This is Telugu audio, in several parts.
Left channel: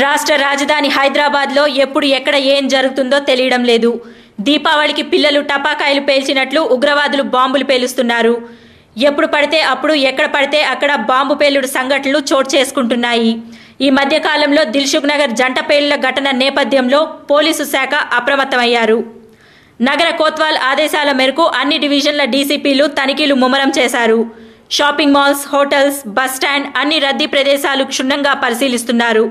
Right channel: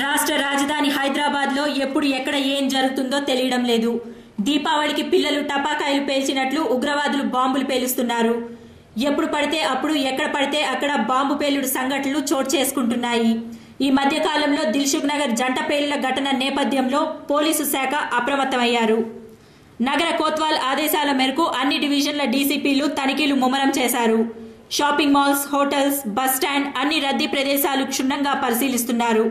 రాష్ట్ర రాజధాని హైదరాబాద్లో ఎప్పుడు ఎక్కడ ఏం జరుగుతుందో తెలియడం లేదు. దీపావళికి పిల్లలు టపాకాయలు పేల్చినట్లు ఉగ్రవాదులు బాంబులు పేలుస్తున్నారు. ఎప్పుడు పడితే అప్పుడు ఎక్కడ పడితే అక్కడ బాంబు పేలుడు సంఘటనలు చోటు చేసుకుంటున్నాయి. ఈ మధ్య కాలంలో దిల్సుఖ్ నగర్ జంట పేలుళ్ల ఘటన నేపథ్యంలో పోలీసు శాఖ అప్రమత్తమయ్యారు. నగర కోత్వాల్ ఆదేశాల మేరకు అన్ని డివిజన్ల డీసీపీలు తనిఖీలు ముమ్మరం చేశారు. Shopping malls, hotels, bus stand అన్ని రద్దీ ప్రదేశాలు క్షుణ్ణంగా పరిశీలిస్తున్నారు.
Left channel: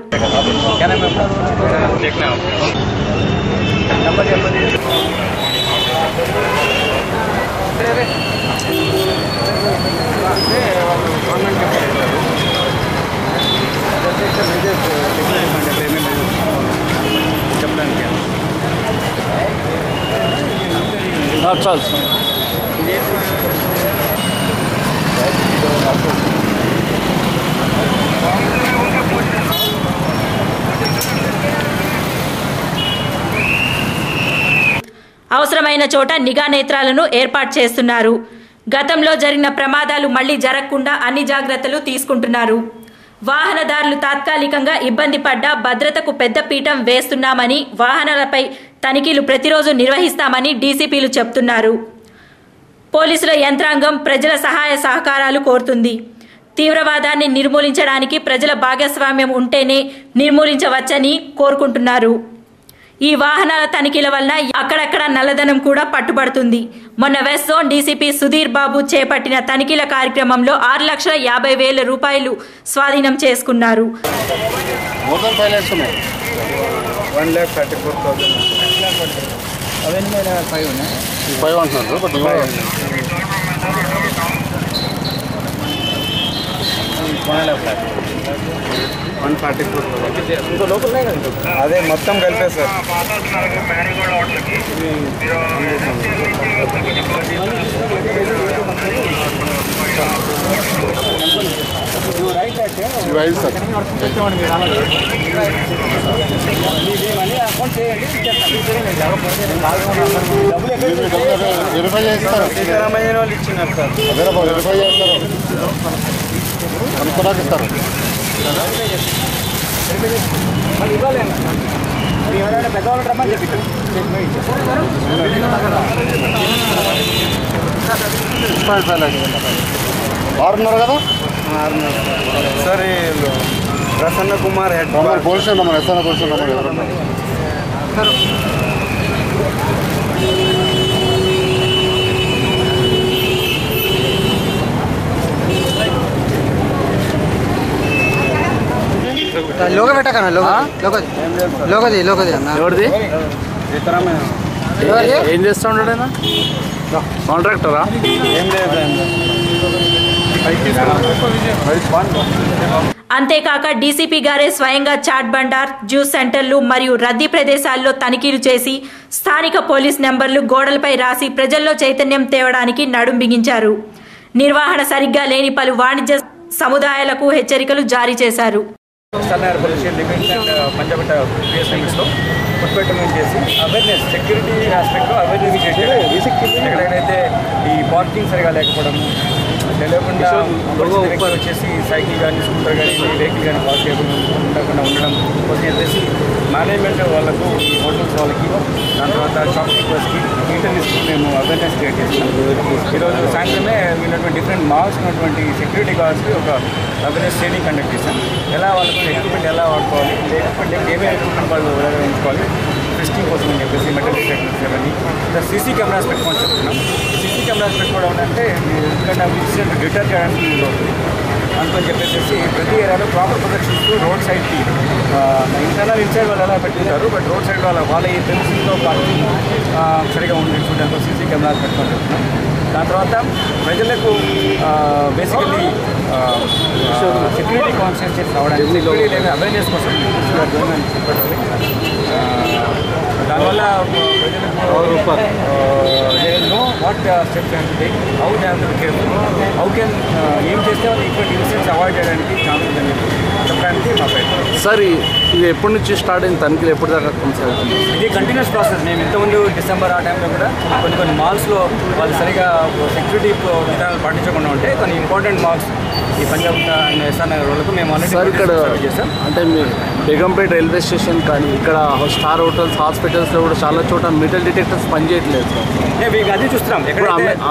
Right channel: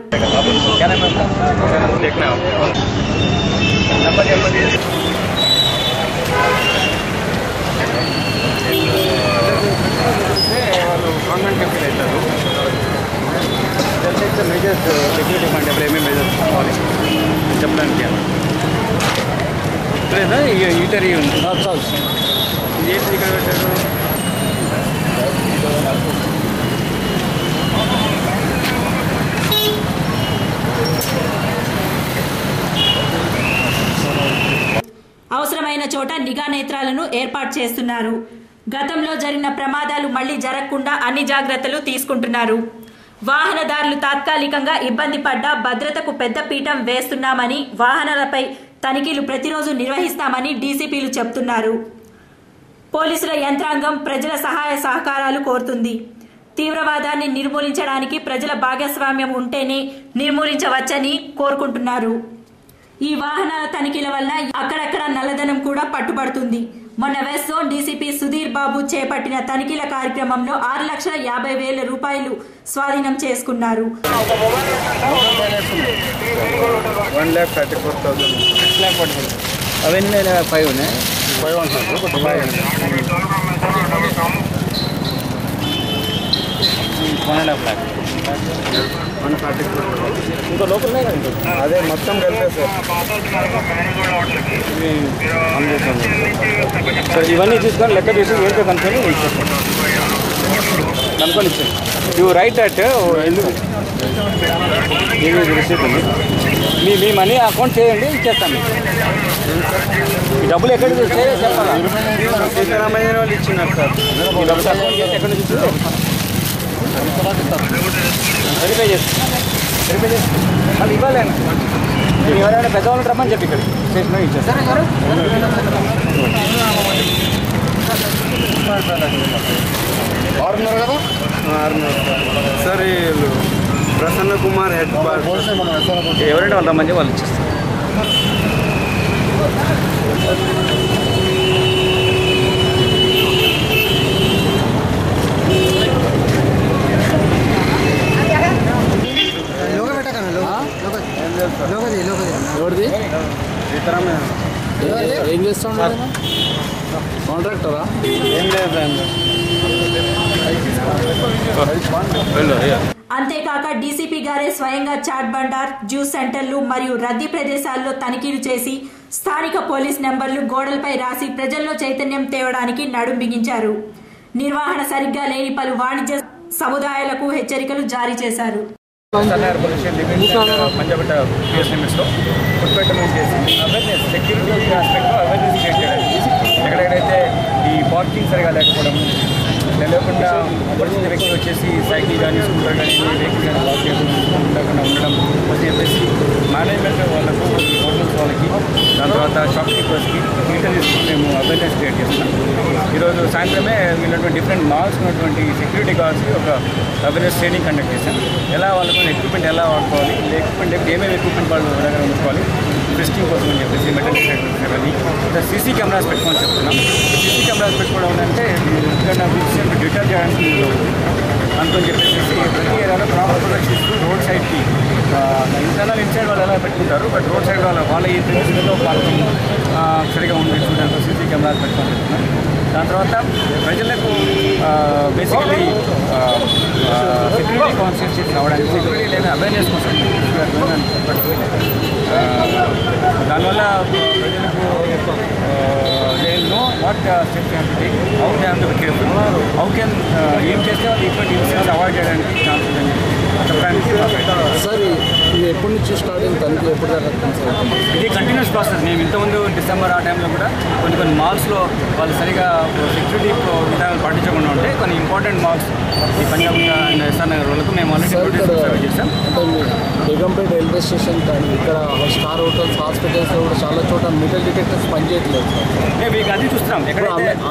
చెప్పడానికి ఇంటర్వ్యూ ఉంది. అవసరమైన చోట నిఘా నేత్రాలను ఏర్పాటు చేస్తున్నారు. గతంలో జరిగిన ప్రమాదాలు మళ్లీ జరగకుండా అన్ని జాగ్రత్తలు తీసుకుంటున్నారు. వాహనదారులు తాత్కాలికంగా ఇబ్బంది పడ్డా భద్రతకు పెద్ద పీఠం వేస్తున్నామని, వాహనాలపై తనిఖీలు ప్రతిరోజు నిర్వహిస్తామని డీసీపీలు చెబుతున్నారు. పోలీసుల యంత్రాంగం ప్రజల సహాయ సహకారాలు కోరుతుంది. తీవ్రవాదాన్ని నిర్మూలించడానికి ప్రజల భాగస్వామ్యం ఉంటేనే నిర్మూలించవచ్చని కోరుకుంటున్నారు. ఈ వాహనాల తనిఖీల వల్ల అక్కడక్కడ నల్లధనం కూడా పట్టుబడుతుంది. మొన్న west zone DCP Sudheer Babu చేపట్టిన తనిఖీల కార్యక్రమంలో 6,50,000 రూపాయలు స్వాధీనం చేసుకున్నారు. ఇంకో లోపల అదే మొత్తం కలిపే సార్ ఇవన్నీ చూసుకొని లెక్క వేసి వేరే కనుకొని you write at me money account చేయండి, ఇచ్చేస్తాను. డబ్బులు ఎక్కడ సీతారామయ్య వాళ్ళు ఇచ్చినారు సార్. వెరిఫై చేసి మళ్ళీ ఇవ్వాలి. మీరు ఎవరైనా పెద్దవాళ్ళు రమ్మని చెప్పి ఇక్కడ స్టేషన్ ఇచ్చేస్తారు. 6:30 కదా? 6:30 సార్. వీళ్ళు ప్రసన్న కుమార్ హెడ్ ఎవరైనా 100 మంది వాళ్ళు ఇచ్చేస్తారు. లోగో పెట్టకన్నా లోగోది ఎవరిది? సీతారామయ్య. ఏం చేస్తూ ఉంటాడు? కాంట్రాక్టరా? ఏం లేదు. అంతేకాక డీసీపీ గారే స్వయంగా చాట్ బండార్, జ్యూస్ సెంటర్లు మరియు రద్దీ ప్రదేశాల్లో తనిఖీలు చేసి స్థానిక పోలీస్ నెంబర్లు గోడలపై రాసి ప్రజల్లో చైతన్యం తేవడానికి నడుం బిగించారు. నిర్వహణ సరిగ్గా లేని పలు వాణిజ్య సముదాయాలకు హెచ్చరికలు జారీ చేశారు. సన్నర్ pollution limits and Punjab PS లిమిట్స్లో ఫుడ్ పెట్టమెంట్ చేసి అవేర్నెస్, సెక్యూరిటీ ఆస్పెక్ట్లో అవేర్నెస్ క్రియేట్ చేయడం. ఎక్కడెక్కడైతే ఈ పార్కింగ్ సరిగా లేకపోవడం, తెలియకుండా అపరిచిత వ్యక్తులు వచ్చేసి సైకిల్ కానీ స్కూటర్ కానీ వెహికల్ కానీ పార్క్ ఉండకుండా ఉండడం కోసం చెప్పేసి మేనేజ్మెంట్ వాళ్ళకు, ఈ హోటల్స్ వాళ్ళకి, దాని తర్వాత షాప్ కీపర్స్కి ఇంటర్వ్యూస్కి మేము అవేర్నెస్ క్రియేట్ చేస్తున్నాం. ఈరోజు సాయంత్రమే ఉన్నటువంటి డిఫరెంట్ మాల్స్ ఉన్నటువంటి సెక్యూరిటీ గార్డ్స్కి ఒక అవేర్నెస్ ట్రైనింగ్ కండక్ట్ చేశాం. ఎలా వాళ్ళకు ఎక్విప్మెంట్ ఎలా వాడుకోవాలి, లేకపోతే ఏమేమి ఎక్విప్మెంట్ వాళ్ళు దగ్గర ఉంచుకోవాలి, టెస్టింగ్ కోసం అని చెప్పేసి మెటల్ డిటెక్టర్స్ అవన్నీ, సీసీ కెమెరాస్ పెట్టుకోమని చెప్తున్నాం. సీసీ కెమెరాస్ పెట్టుకోవడం అంటే ఇక్కడ ఇన్సిడెంట్ డిటర్ చేయడానికి యూజ్ అవుతుంది. అందుకని చెప్పేసి ప్రతి ఏరియాలో ప్రాపర్ ప్రొటెక్షన్ ఇస్తూ రోడ్ సైడ్కి ఇంటర్నల్ ఇన్సైడ్ వాళ్ళు ఎలా పెట్టుకుంటారు, బట్ రోడ్ సైడ్ వాళ్ళ ఈ ప్రెమిసెస్లో పార్కింగ్ సరిగా ఉండి చూడడానికి సీసీ కెమెరాస్ పెట్టుకోమని చెప్తున్నాం. దాని తర్వాత ప్రజలకు బేసికలీ సెక్యూరిటీ కాన్షియస్ రావడానికి, సెక్యూరిటీ లేదా అవేర్నెస్ కోసం దానివల్ల ప్రజలకు know what steps have to take, how they have to be careful, how can ఏం చేస్తే వాళ్ళు ఇటువంటి ఇన్సిడెంట్స్ అవాయిడ్ చేయడానికి ఛాన్స్ ఉందని చెప్పి చెప్పడానికి మా ప్రయత్నం. సార్ ఇది ఎప్పటి నుంచి స్టార్ట్ అయింది? తనిఖీలు ఎప్పుడు దాకా కొనసాగుతుంది? ఇది కంటిన్యూస్ ప్రాసెస్. మేము ఇంతకుముందు డిసెంబర్ ఆ టైంలో కూడా కొన్ని మాల్స్లో వాళ్ళు సరిగా సెక్యూరిటీ విధానాలు పాటించకుండా ఉంటే కొన్ని ఇంపార్టెంట్ మాల్స్ ఈ పంజాబ్ అండ్ ఎస్ఆర్ నగర్ వాళ్ళకు మేము ఆల్రెడీ చేసాం. అంటే బేగంపేట రైల్వే స్టేషన్ కానీ ఇక్కడ స్టార్ హోటల్స్ హాస్పిటల్స్లో కూడా చాలా చోట మెటల్ డిటెక్టర్స్ పనిచేయట్లేదు సార్. అది చూస్తున్నాం.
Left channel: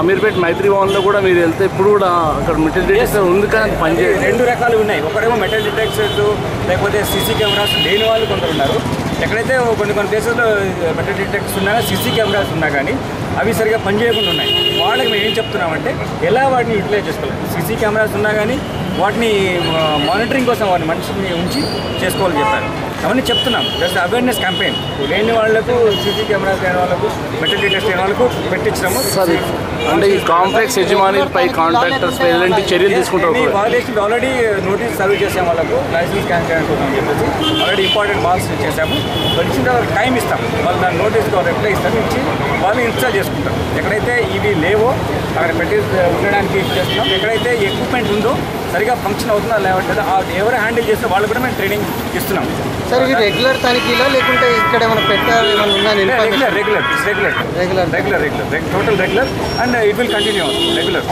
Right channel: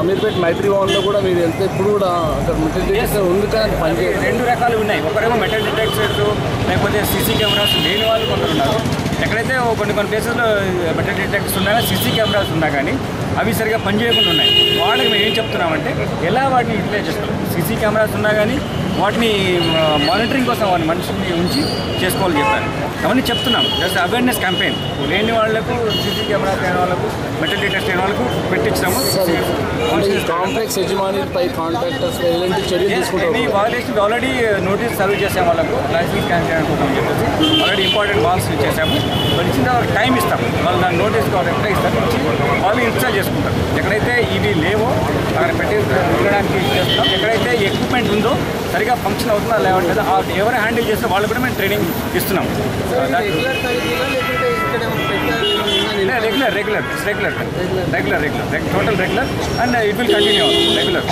అమీర్పేట్ మైత్రి భవన్లో కూడా మీరు వెళ్తే ఇప్పుడు కూడా అక్కడ మెటల్ డిటెక్టర్ ఉంది కానీ పనిచేయదు. 2 రకాలు ఉన్నాయి. ఒకరేమో మెటల్ డిటెక్టర్స్ లేకపోతే సీసీ కెమెరాస్ లేని వాళ్ళు కొందరు ఉన్నారు. ఎక్కడైతే కొన్ని ప్లేసెస్లో మెటల్ డిటెక్టర్స్ ఉన్నా సీసీ కెమెరాస్ ఉన్నా కానీ అవి సరిగా పనిచేయకుండా ఉన్నాయి. వాళ్ళకి మేము ఏం చెప్తున్నామంటే ఎలా వాటిని యూటిలైజ్ చేసుకోవాలి. సీసీ కెమెరాస్ ఉన్నా కానీ వాటిని మానిటరింగ్ కోసం వారిని మనిషిని ఉంచి చేసుకోవాలని చెప్పారు. అవన్నీ చెప్తున్నాం. Just awareness campaign. లేని వాళ్ళకు సీసీ కెమెరాస్ లేని వాళ్ళకు మెటల్ డిటెక్టర్స్ లేని వాళ్ళకు పెట్టించినాము. అంటే ఈ కాంప్లెక్స్ యజమానిపై కాంట్రాక్టర్స్ ఎలాంటి చర్యలు తీసుకుంటారు? వాళ్ళకి ఆల్రెడీ నోటీస్ సర్వ్ చేసాము. వాళ్ళకు లైసెన్స్ క్యాన్సిల్ అని చెప్పేసి ఆల్రెడీ ఇంపార్టెంట్ మార్క్స్ చేసాము. వాళ్ళు ఇచ్చిన వాళ్ళకి టైం ఇస్తాం. వాళ్ళు దాని నోటీస్ రిప్లై ఇస్తారు. ఇచ్చి వాళ్ళు ఇన్స్టాల్ చేసుకుంటారు. ఎక్కడైతే ఇవి లేవో అక్కడ పెట్టి ఉండడానికి చేస్తున్నాం. ఎక్కడైతే ఎక్విప్మెంట్ ఉందో సరిగా ఫంక్షన్ అవుతుందా లేవంటే ఎవరు హ్యాండిల్ చేస్తే వాళ్ళు కూడా మేము ట్రైనింగ్ ఇస్తున్నాం. రెగ్యులర్ తనిఖీలో లేకుంటే ఇక్కడ ఏమైనా పెట్టాలి? Regular total regular and it will continue regular.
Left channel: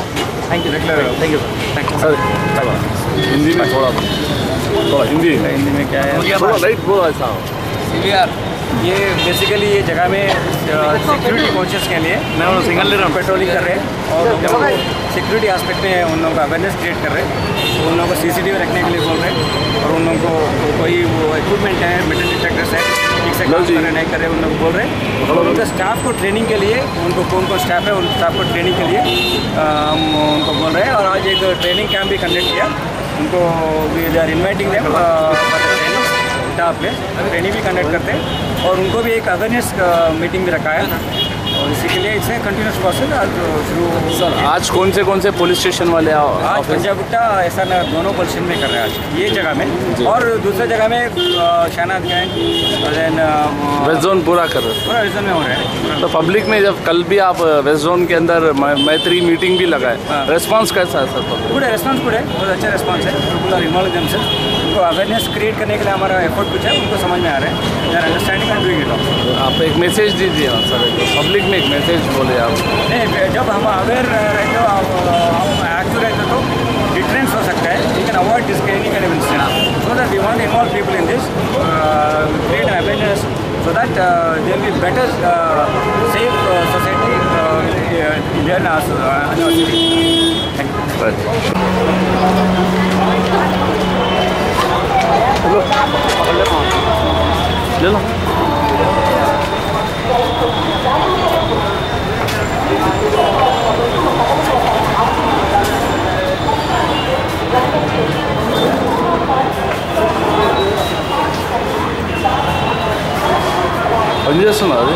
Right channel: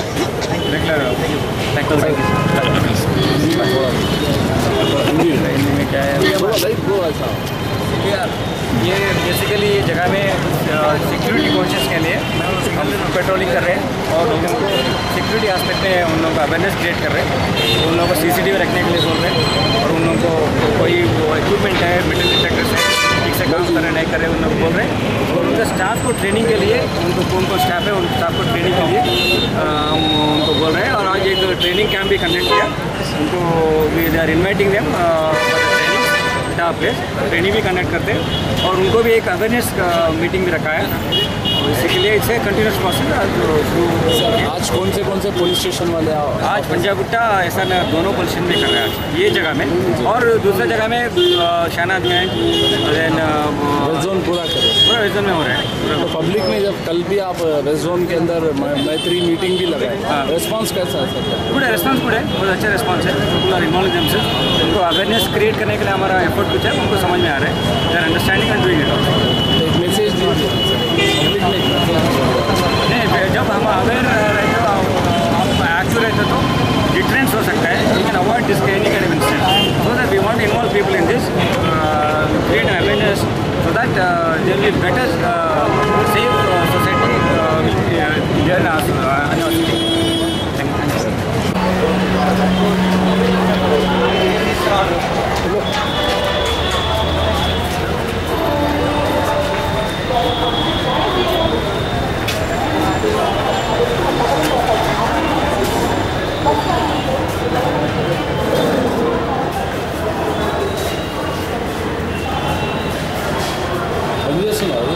Hindi में क्या है? राइट बोला साहब. ये बेसिकली ये जगह में सिक्योरिटी कॉन्शियस के लिए सिंगल पेट्रोलिंग कर रहे हैं और उन लोगों को सिक्योरिटी एस्पेक्ट में उन लोगों को अवेयरनेस क्रिएट कर रहे हैं. उन लोगों को CCTV रखने के लिए बोल रहे हैं और उन लोगों को कोई इक्विपमेंट है मेटल डिटेक्टर्स है ठीक से काम कर रहे नहीं कर रहे उन लोग बोल रहे हैं. और उनके स्टाफ को ट्रेनिंग के लिए उनको कौन स्टाफ है उन स्टाफ को ट्रेनिंग के लिए उनको बोल रहे हैं. और आज एक ट्रेनिंग कैंप भी कंडक्ट किया. उनको we are inviting them for the training place. Training भी कंडक्ट करते हैं और उनको भी एक अवेयरनेस मीटिंग भी रखा है. और इसी के लिए इट्स कंटिन्यूस प्रोसेस. आज कौन से पुलिस स्टेशन वाले आज पंजागुट्टा ऐसा दोनों पुलिस स्टेशन में कर रहे हैं आज ये जगह में. और दूसरे जगह में शहनाजगंज देन वेस्ट जोन पूरा कर रहे हैं. पूरा वेस्ट जोन में हो रहा है. तो पब्लिक में जब कल भी आप वेस्ट जोन के अंदर मैत्री मीटिंग भी लगाए, रेस्पॉन्स कैसा है सर? गुड है. रेस्पॉन्स गुड है. बहुत अच्छा रेस्पॉन्स है. People are involve themselves. उनको अवेयरनेस क्रिएट करने के लिए हमारा एफर्ट कुछ है. उनको समझ में आ रहा है. They are understanding and doing it also. आप एक मैसेज दीजिए सर, पब्लिक में एक मैसेज बोले आप. नहीं, जब हम अवेयर रहते हो हम एक्टिव रहते तो डिटरेंस हो सकता है. You can avoid this any kind of incident. So that we want to involve people in this create an awareness so that there will be better safe society there in our city. Thank you. Hello. Hello. పని చేస్తున్నారు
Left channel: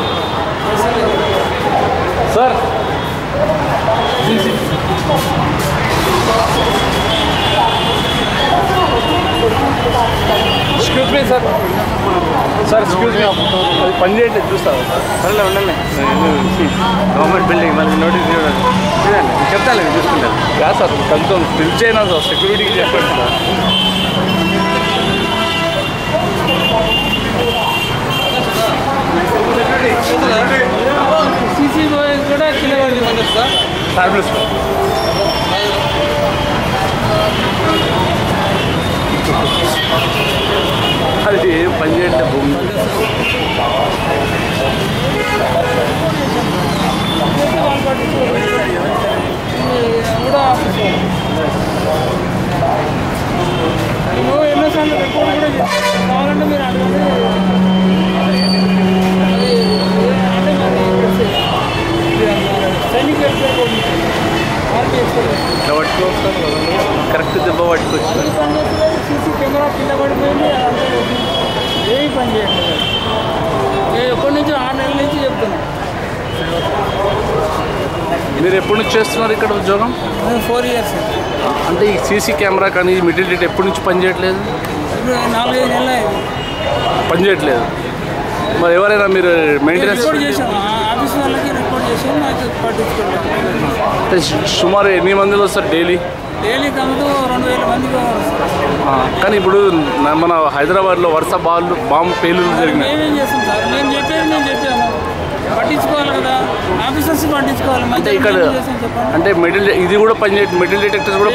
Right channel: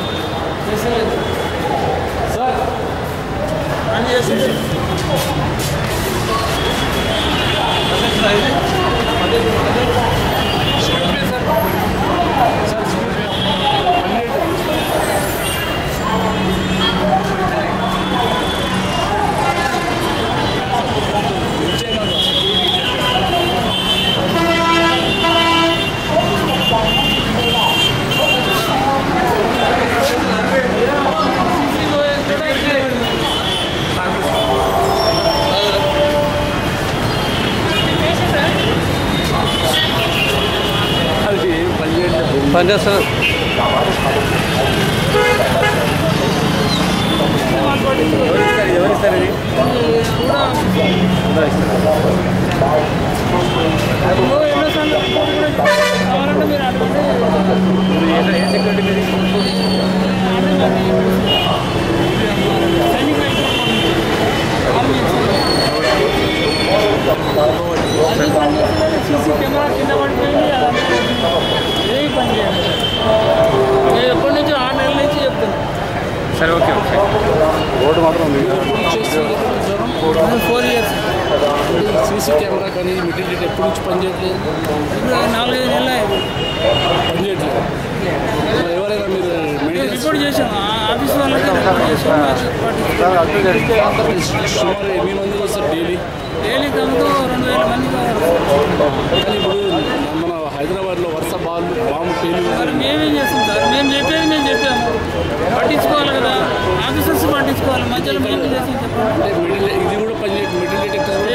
అది sir. Excuse me sir. Sir excuse me పని చేయట్లేదు చూస్తారు. గవర్నమెంట్ బిల్డింగ్ నోటీస్ చెప్తాను చూసుకుంటాను. కాదు సార్ కొంచెం పిలిచైనా సార్ సెక్యూరిటీకి చెప్పండి సార్. అది పని చేయట్లేదు. పని చేస్తాను. ఎవరిస్తారు ఎన్నోసార్లు రిపోర్ట్ కూడా కావాలంటే మీరు అడగండి. సైనిక్ ఆర్మీ కరెక్ట్ దెబ్బ పట్టుకోవచ్చు. అది పని చేస్తలేదు. సీసీ కెమెరా కింద పడిపోయింది. ఏమి పని చేయండి సార్. నేను ఎప్పటి నుంచి 6 నెలల నుంచి చెప్తున్నాను. సరే ఓకే. మీరు ఎప్పటి నుంచి చేస్తున్నారు ఇక్కడ ఉద్యోగం? 4 years. అంటే ఈ సీసీ కెమెరా కానీ మెటల్ డిటెక్టర్ ఎప్పటి నుంచి పనిచేయట్లేదు? ఇప్పుడు 4-5 నెలలు అయింది పనిచేయట్లేదు. మరి ఎవరైనా మీరు మెయింటెనెన్స్ రిపోర్ట్ చేసాము. ఆఫీస్ వాళ్ళకి రిపోర్ట్ చేసాము. మాకు పట్టించుకోవాలి. సుమారు ఎన్ని మందిలో వస్తారు డైలీ? డైలీ కమ్ముతూ 2000 మందికి వస్తారు. కానీ ఇప్పుడు మన హైదరాబాద్లో వరుస బాంబు పేలులు జరిగింది. మేమేం చేస్తాం సార్? మేము చెప్పేది మేము చెప్పాము. పట్టించుకోవాలి కదా, ఆఫీసర్స్ పట్టించుకోవాలి. మధ్యలో చేస్తాం చెప్పండి. అంటే ఇది కూడా మెటల్ డిటెక్టర్స్ కూడా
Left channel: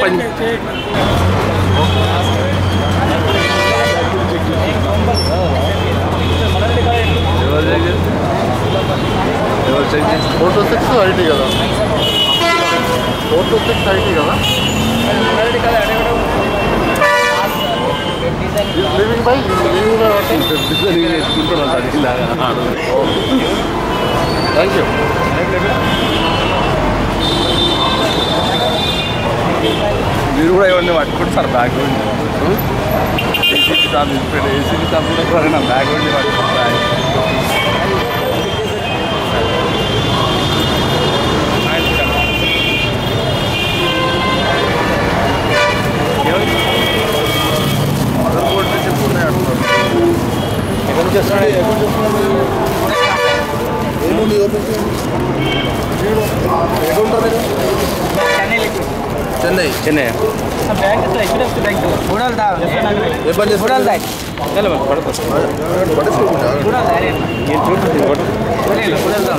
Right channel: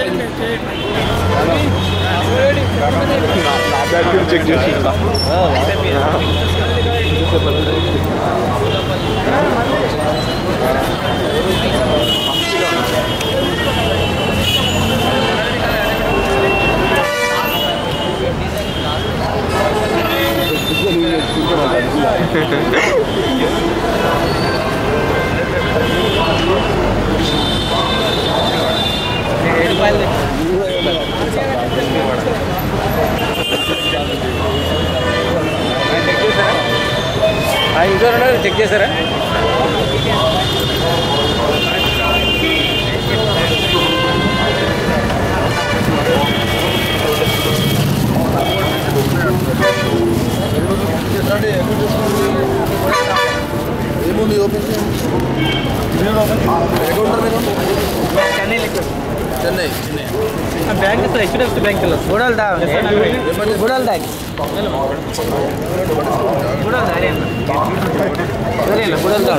చెక్ చేస్తున్నా మీరు కూడా ఇవన్నీ పట్టుకుంటే సార్ బ్యాగ్ చెక్ చేశారా? ఏముంది ఓపెన్ ఎక్కడ ఉంటారు మీరు? చెన్నై చెన్నై बैंक तो HDFC बैंक बूढ़ल था बूढ़ल था चलो बूढ़ल था रे चले बूढ़ल था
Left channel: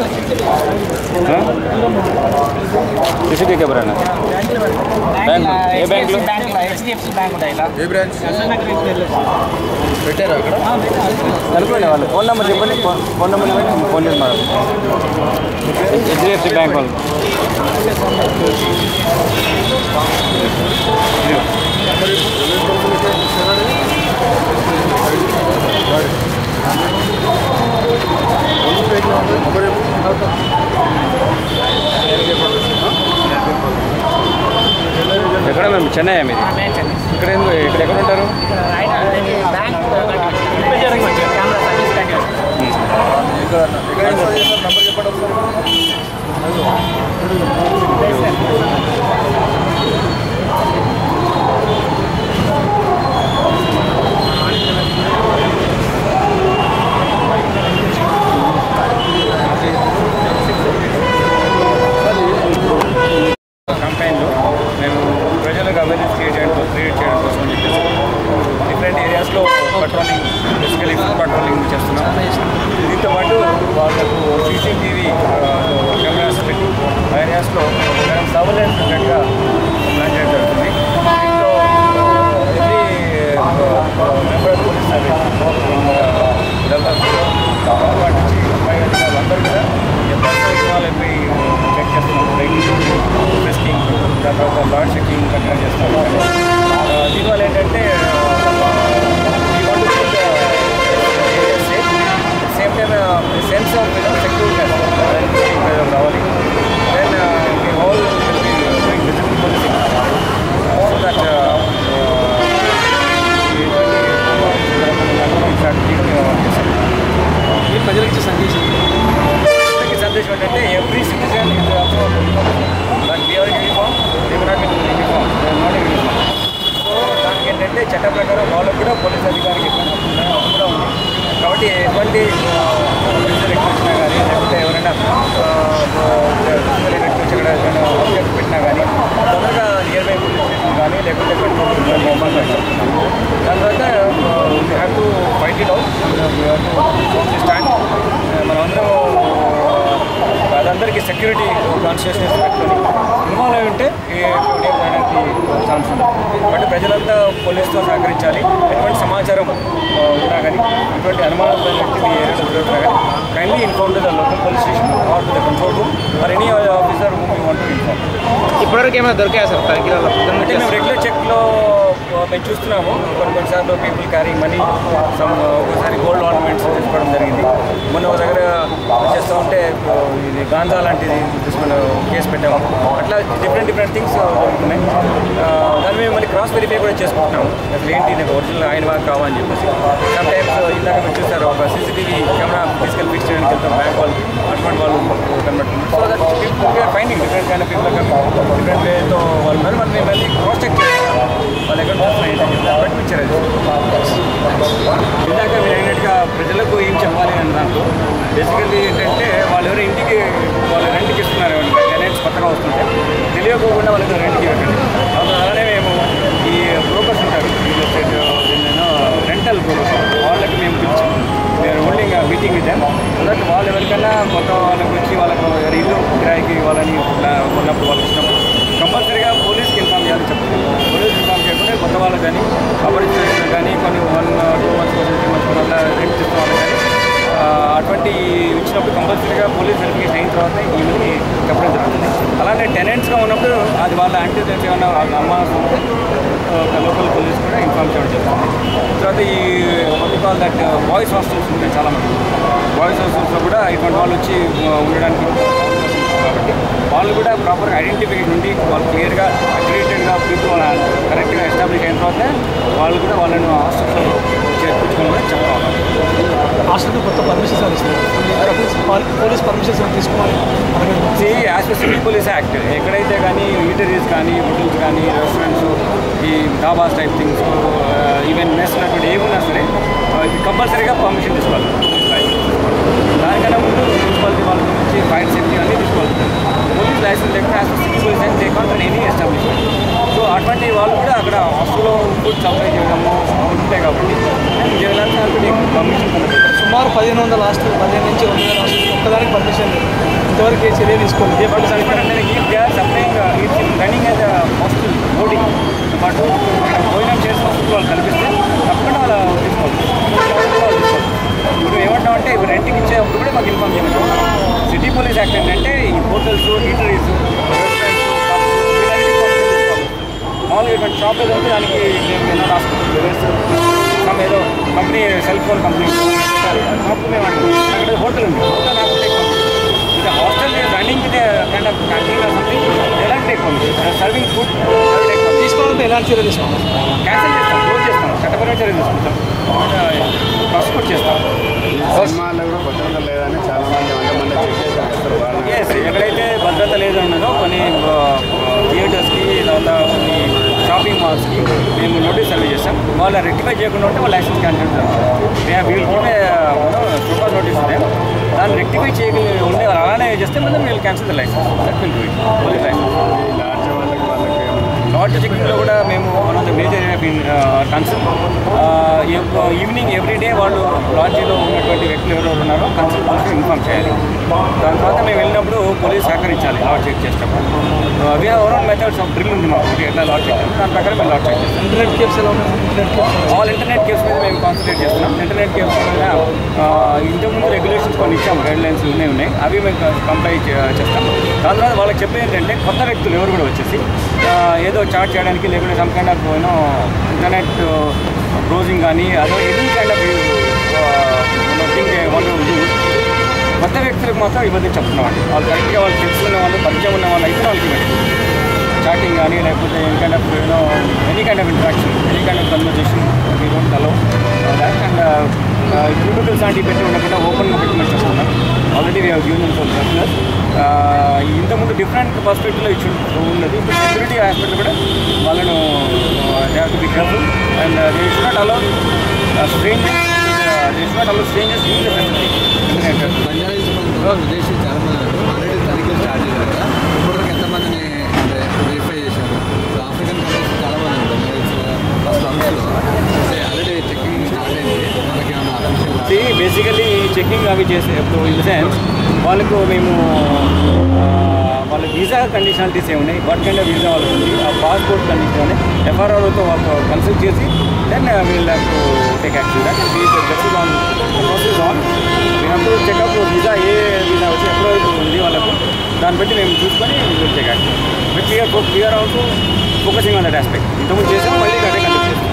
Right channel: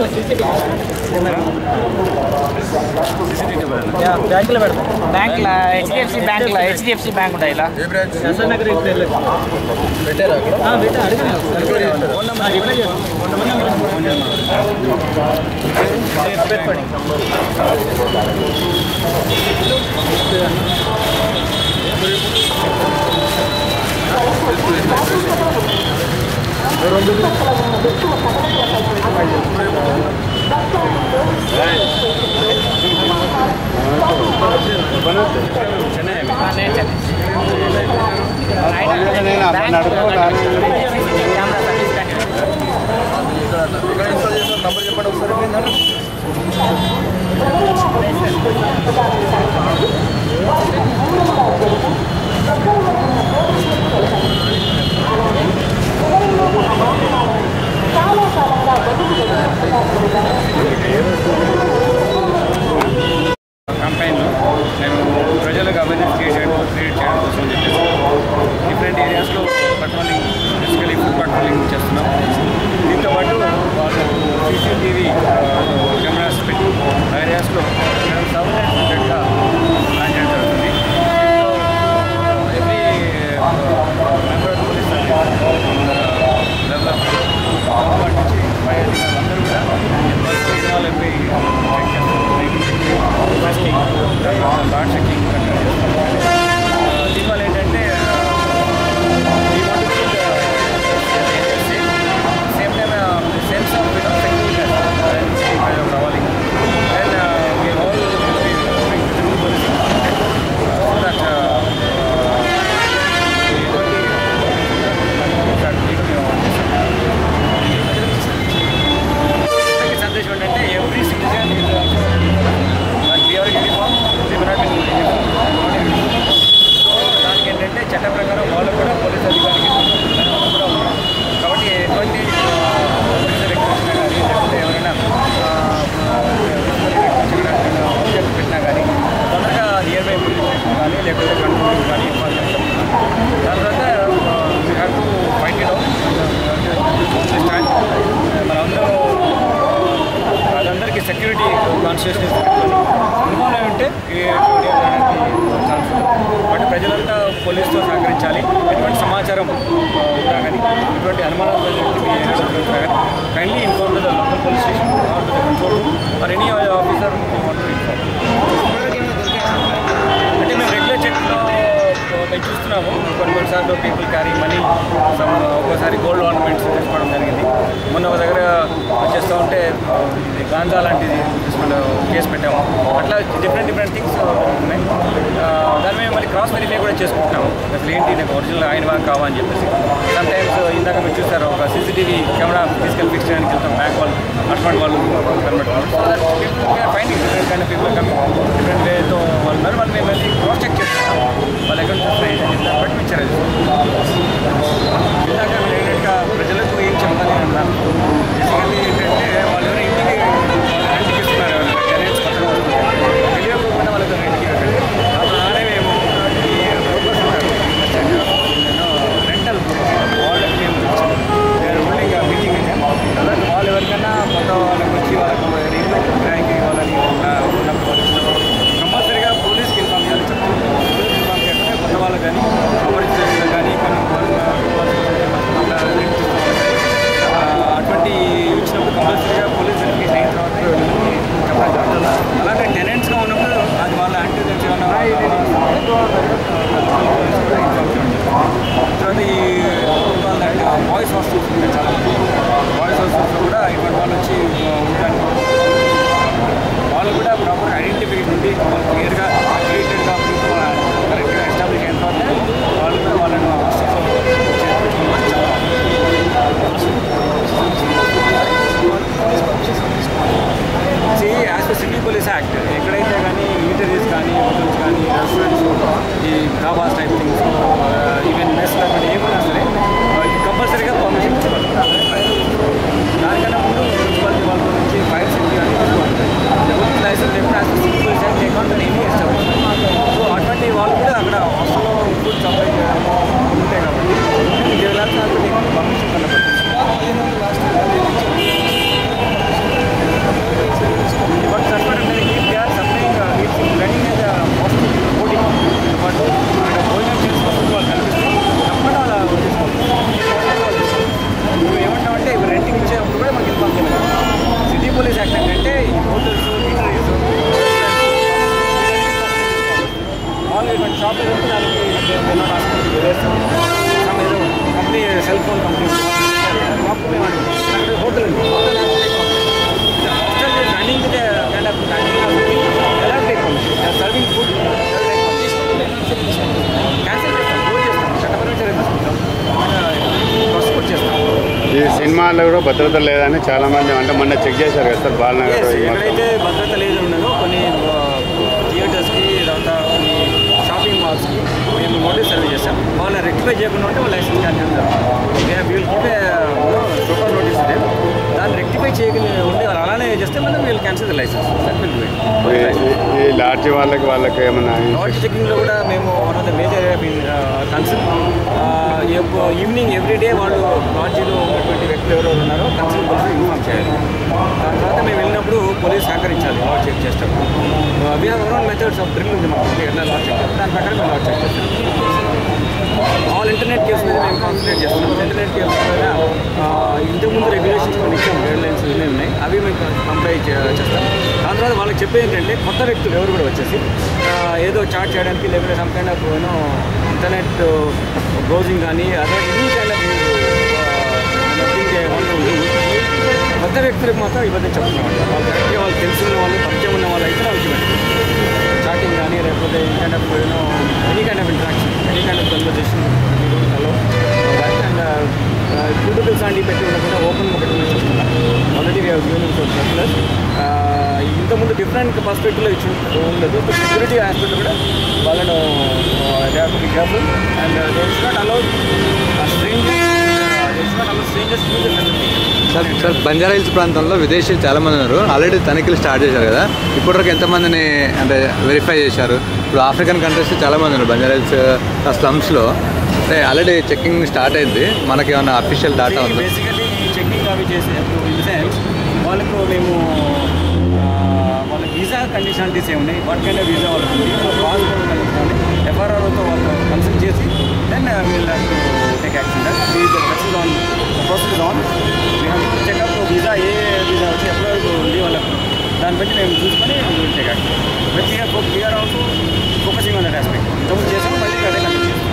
सीसीटीवी कैमरा बैंक ला HDFC बैंक ఉంటాయిలా ఏ బ్రాంచ్ నగర్ ఇట్లా పెట్టారా అక్కడ? కనుక్కోండి వాళ్ళు ఫోన్ నెంబర్ చెప్పండి ఫోన్ నెంబర్ ఫోన్ చేసి మాట్లాడు HDFC బ్యాంక్ వాళ్ళు ఎక్కడ మేము చెన్నై మీరు ఇక్కడ ఎక్కడ ఉంటారు? కెమెరా సర్వీస్ ఇక్కడ ఇన్స్టాల్ చేసిన నంబర్ చెప్పండి ఒకసారి. కంపెనీలో మేము ప్రజలకు అవేర్నెస్ క్రియేట్ చేయడం కోసం చెప్పేసి డిఫరెంట్ ఏరియాస్లో పెట్రోలింగ్ బేసికలీ ఫుడ్ పెట్రోలింగ్ చేస్తున్నాం. దీంతో పాటు వాళ్ళకు సీసీటీవీ కెమెరాస్ పెట్టి ఆ ఏరియాస్లో మనం సర్వేలెన్స్ ఉండేట్టుగా ప్లాన్ చేయడం జరుగుతుంది. దీంతో every member of police service develop వాటి నుంచి పై అధికారులు అందరూ కూడా పర్సనల్ ఇన్వాల్వ్ అయిపోయి చెక్ చేస్తున్నాం. వెహికల్ టెస్టింగ్ తర్వాత లాడ్ చెకింగ్ కంటిన్యూ చేస్తాం. దీనివల్ల ఏంటంటే same time sense of security ప్రజలకు రావాలి. Then me whole will be doing visible policing so that ప్రజలకు సందేశం సందేశం ఏంటంటే every citizen is but we are uniform they may not in uniform not in uniform. So దానికి ఏంటంటే చట్ట ప్రకారం వాళ్ళు కూడా పోలీస్ అధికారికి ఎటువంటి అది కూడా ఉంది. కాబట్టి ఎటువంటి ఫిజికల్ ఎక్ట్ వచ్చినా కానీ లేకపోతే ఎవరైనా ఫిజికల్ ఎక్ట్ వచ్చి ఎక్కడ ఆబ్జెక్ట్ పెట్టినా కానీ తొందరగా నియర్ బై పోలీస్ స్టేషన్ కానీ లేకపోతే కంట్రోల్ కానీ ఇవ్వాలి చెప్తున్నాం. దాని తర్వాత we have to fight it out we have to phone the stand. మనందరం అదందరికీ సెక్యూరిటీ కాన్షియస్నెస్ పెట్టుకొని ఇన్వాల్వ్ అయి ఉంటే జరగడానికి ఛాన్స్ ఉంది. కాబట్టి ప్రజలంతా పోలీసుతో సహకరించాలి. ఎటువంటి సమాచారం ఉన్నా కానీ ఎటువంటి అనుమానాలు వ్యక్తి మీ ఏరియాలో జరుగుతున్నా కానీ kindly inform to the local police station or to the control room or any officer whom you want to inform. ఇప్పటివరకు ఏమైనా దొరికాయా సార్? అంటే మేము రెగ్యులర్ చెక్లో మేము చూస్తున్నాము. కొన్నిసార్లు పీపుల్ క్యారీ మనీ ఒక్కోసారి గోల్డ్ ఆర్నమెంట్స్ తీసుకోవడం జరిగింది. మొన్న ఒక దగ్గర చేస్తూ ఉంటే ఇది గాంజా లాంటిది తీసుకుని కేసు పెట్టాము. అట్లా డిఫరెంట్ థింగ్స్ జరుగుతున్నాయి. దాని మీద మళ్ళీ క్రాస్ వెరిఫై కూడా చేసుకుంటున్నాము. అసలు ఏంటి నాకు ఒరిజినల్ ఆయన వాళ్ళకి కావాలని చెప్పేసి. సమ్ టైమ్స్ ఇందాక మీరు చూస్తారు ఒక సీసీటీవీ కెమెరా తీసుకెళ్ళి ఫిక్స్ చేయడానికి వెళ్తాం బ్యాంక్ వాళ్ళు అటువంటి వాళ్ళు కనబడుతున్నారు. So that people we are finding different kind of people coming different వేతో వాళ్ళు ఉన్నారు. వాళ్ళు మేము మళ్ళీ క్రాస్ చెక్ చేస్తాం వాళ్ళు ఎక్కడ చూస్తున్నాయి ఏంటని చెప్పి దాన్ని బట్టి ఇచ్చారు. ఇందాక మీరు ఏంటంటే ప్రజలకు ఏం చెప్పాలి అని దాంట్లో బేసికల్లీ ఏంటంటే వాళ్ళు ఎవరైనా ఇంటికి వాళ్ళు రెంట్కి ఇస్తున్నారు. టెనెంట్స్ కొత్తగా వస్తుంటే తెలియకోకుండా వాళ్ళకి రెంట్కి ఇవ్వకండి. అలానే మేము ఈ బ్రోకర్స్ ఉంటారు రియల్ ఎస్టేట్ రెంటల్ బ్రోకర్స్ వాళ్ళకి మేము పిలిచి వేరే హోల్డింగ్ మీటింగ్ ఇచ్చాము. అలాంటి వాళ్ళు ఎవరికైనా కొత్త వాళ్ళకి వచ్చి వాళ్ళకు ఇల్లు కిరాయికి వాళ్ళని ఉన్నప్పుడు వాళ్ళకి ఇచ్చినప్పుడు కంపల్సరీగా పోలీస్కి ఇన్ఫార్మ్ చేయాలని చెప్తున్నాం. పోలీస్ ఇన్ఫార్మ్ చేయకుండా కొత్త వాళ్ళకి కానీ అపరిచితులకు కానీ కొన్ని 1 2 కంపల్సరీగా పోలీస్ వెరిఫికేషన్ అయిన తర్వాత వీళ్ళని చెప్పడం జరుగుతుంది. అలానే టెనెంట్స్గా ఉన్నప్పుడు అది వాళ్ళ యాంటీజెన్స్ ఏమన్నా వాళ్ళ అమ్మ లోకల్ పోలీస్ కూడా ఇన్ఫార్మ్ చేయడం జరుగుతుంది. తర్వాత ఈ వాళ్ళు దట్ బాయ్స్ హాస్టల్స్ ఉంటాయి చాలామంది. బాయ్స్ హాస్టల్స్లో కూడా ఇటువంటి వాళ్ళు వచ్చి ఉండడానికి కాబట్టి వాళ్ళు కూడా ప్రాపర్గా ఐడెంటిఫికేషన్ ఉండి వాళ్ళు క్లియర్గా అక్రిడేటెడ్గా పీపుల్ కరెక్ట్గా ఎస్టాబ్లిష్ అయిన తర్వాత వాళ్ళు కూడా వాళ్ళను హాస్టల్స్లో చేర్పించుకొని కూడా చెప్పాలి. హాస్టల్కి కొత్త పర్మిషన్స్ పోలీస్ పర్మిషన్స్ తీసుకోవాలి. As per city police act ఎక్కడైతే కానీ ఈటరీస్ కానీ హోటల్స్ కానీ రెస్టారెంట్స్ ఈ ధాబాస్ టైప్ థింగ్స్ ఈవెన్ మెస్ అటువంటి ఏమున్నా సరే కంపల్సరీగా పర్మిషన్ తీసుకోవాలి. దానికన్నా ముందు మున్సిపాలిటీ వాళ్ళ నుంచి ఫైర్ సేఫ్టీ అన్నీ తీసుకోవాలి. పోలీస్ లైసెన్స్ లేకుండా as per city police act లేకుండా ఎనీ ఎస్టాబ్లిష్మెంట్. సో అటువంటి వాళ్ళు కూడా అక్కడ హాస్టల్లో ఫుడ్ సప్లై చేయడము ఉంటాయి కాబట్టి పర్మిషన్ కనబడుతుంది. సుమారు 1500 హాస్టల్ 15 నుంచి 2000 హాస్టల్ ఒక్కదానికి పర్మిషన్ ఇంతవరకు ఏ చర్య తీసుకోండి. బట్ సరిపడంటే they are supplying it's running as hostel boarding పాటు అక్కడ భోజనం చేసిన ఫుడ్ వాళ్ళు కల్పిస్తే తప్పకుండా వాళ్ళు తీసుకోవాలి. మేము ఏమంటామంటే ఇప్పుడు రెంట్కి ఇచ్చేటప్పుడు కూడా మాకు ఇన్ఫార్మ్ చేయమని సిటీ పోలీస్ యాక్ట్ ఏంటంటే ఈ హోటల్స్ ఈటరీస్ రెస్టారెంట్స్ మామూలుగా ఇటువంటి షాప్ ఏదో ఉంటే దానికి ఎన్నో హాస్పిటల్ వేస్తాం. ఏదో కంపెనీ సెల్ ఫోన్ కంపెనీ మాకు మేము అక్కడ హోటల్ ఉంది. ఇది hostel running kind of canteen or something ఎలా టేక్ పర్మిషన్ సర్వింగ్ ఫుడ్ తీసుకోవాలంటే ఎలాంటి చర్యలు తీసుకోవాలి? క్యాన్సిల్ చేస్తాం, క్లోజ్ చేస్తాం, చట్టపరమైన చర్యలు తీసుకుంటాం, ప్రాసిక్యూట్ చేస్తాం. ఈ సినిమాల్లో కూడా భద్రత లేదని చాలా మంది అంటే మొన్న చెక్ చేశారు కదా సార్ బాలనగర్. ఎక్కడైతే భద్రత లేదు ఉన్నదో కొన్ని థియేటర్స్కి తర్వాత కొన్ని షాపింగ్ మాల్స్కి మేము నోటీస్ సర్వే చేస్తాం. వాళ్ళు రెక్టిఫై చేయకుండా ఉంటే వాళ్ళు లైసెన్స్ క్యాన్సిల్ చేస్తాం. వీళ్ళు గివ్ సూపర్ నోటీస్ ఉంది, దాన్ని రెక్టిఫై చేయగలి ఉండే వాళ్ళు అలానే చేస్తే మనం వీళ్ళు cancel the licence that will do it. Licence ఈ లాడ్జ్ వాళ్ళకి ఏమన్నా లాడ్జ్ చెకింగ్లో కూడా మేము one of the major concern evening everyday వాళ్ళు లాడ్జీలో ఉన్నటువంటి వ్యక్తులు ఎవరెవరు ఉన్నారో కన్సర్న్ పోలీసులు ఇన్ఫార్మ్ చేయాలి. దాని తర్వాత మేము వెళ్ళినప్పుడు పోలీస్ సహకరించాలి లాడ్జ్ చెక్ చేసేటప్పుడు. We have our own methods of drill ఉంది మాకు ఎట్లా లాడ్జ్ చెక్ చేస్తాం, దాని ప్రకారం మేము లాడ్జ్ చెక్ చేస్తాం. ఇంటర్నెట్ కేవ్స్ ఎలా ఉన్నాయి? ఆల్ ఇంటర్నెట్ కేవ్స్ మీద మేము కాన్సన్ట్రేట్ చేస్తున్నాం. ఇంటర్నెట్ కేవ్స్ మీద ఇంతకుముందు రెగ్యులేషన్స్ కొన్ని ఇచ్చాం, గైడ్ లైన్స్ ఉన్నాయి, అవి మేము కంప్లై చేస్తాం. దాని తర్వాత వాళ్ళకి చెప్పేది ఏంటంటే కొత్త వ్యక్తులు ఎవరు కూడా వచ్చేసి ఏదో చాట్ చేయడానికి లేకుంటే some kind of internet browsing కానీ అదో ఎనీ కైండ్ ఆఫ్ థింగ్ వాళ్ళు కొత్త వ్యక్తులకు మాత్రం ఇవ్వదని చెప్తున్నామండి. వాళ్ళు కరెక్ట్గా వాళ్ళు తెలుసుకున్న వాళ్ళు పరిచయం ఉన్న వాళ్ళు అయితే వాళ్ళకి ఇవ్వండి. చాటింగ్ కానీ లేకపోతే any kind of interaction, any kind of conversation we don't allow that. And cubicles లాంటివి పెట్టి ఉండకుండా ఓపెన్గా పెట్టమని చెప్తున్నాం. Already we have given them some circulars. ఇంతకుముందు డిఫరెంట్ పర్స్పెక్టివ్లో ఇచ్చి ఉండదు. ఇప్పుడు సెక్యూరిటీ హాస్పిటల్ కూడా వాళ్ళను they have to be careful and they should not allow strangers use the facility. Banjara hills ప్రాంతంలో విదేశీయులు చాలామంది ఉన్నారు. ఆల్రెడీ తనిఖీలు స్టార్ట్ చేశారు కదా, ఇప్పటివరకు ఎంతమందిని అంటే వెరిఫై చేశారు? ఇప్పుడు ఆఫ్రికన్ కంట్రీస్ చాలామంది ఉన్నారు బంజారా హిల్స్ స్లమ్స్లో. అంటే ఆల్రెడీ చెకింగ్ స్టార్ట్ అయింది. మనకి ఏమన్నా అఫీషియల్ డాటా? బేసికలీ చెకింగ్ అవి చేసేటప్పుడు ఇన్ ద సెన్స్ వాళ్ళకు మేము వాళ్ళ వీసా కండిషనాలిటీస్ ఏమున్నాయి, వాట్ కైండ్ ఆఫ్ వీసా వాళ్ళకు ఉంది, ఆ పాస్పోర్ట్ కండిషన్ ఉన్నాయి, ఎఫ్ఆర్ఆర్ఓతో వాళ్ళతో కన్సల్ట్ చేసి then we'll have to take action. That is on the process on. We have to check up visa ఏ వీసా వచ్చి ఎప్పటి వరకు ఉంది వాళ్ళకు, దాన్ని బట్టి మేము చూసుకొని will take action. But we are also focusing on that aspect. ఇంతకుముందు చేసాము, మళ్ళీ అదే కంటిన్యూ చేస్తాం.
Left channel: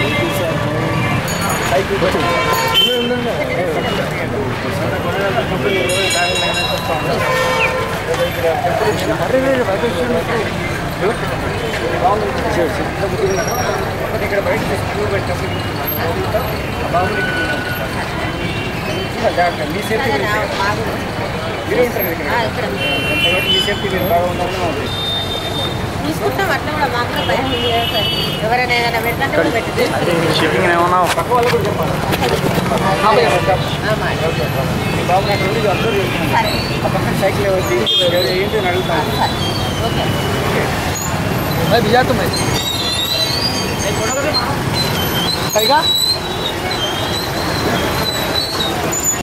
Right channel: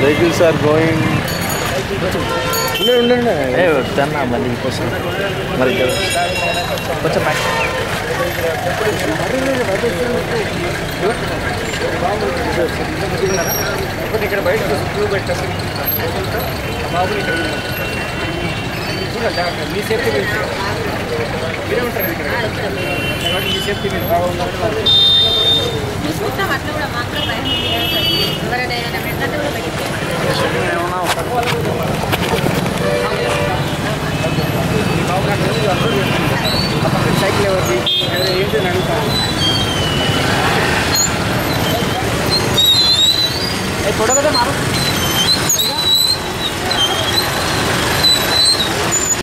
Vehicles are going. ఇక్కడ బయట క్యూ పెట్టినప్పుడు బాబుని ఇక్కడ మీ సేఫ్టీ గురించి మీరే ఉంటారు ఇక్కడ కాబట్టి మీ సేఫ్టీ మీరు బాగా ఉండాలని చూసుకుంటాం. అట్లా కూడా మాకు కూడా భయం ఉంది కదా సార్. ఎవరైనా ఏదైనా పెట్టంటే కూడా పెట్టింది పక్క వాళ్ళు కూడా చెప్పాలి. మీ బాబుని అక్కడ ఉంది అబ్జర్వ్ చేస్తున్నాను. ఆ పక్కన సైకిల్ ఎవరిది వేరే ఏంటి అని అడుగుతాను. చూడలేదా పైగా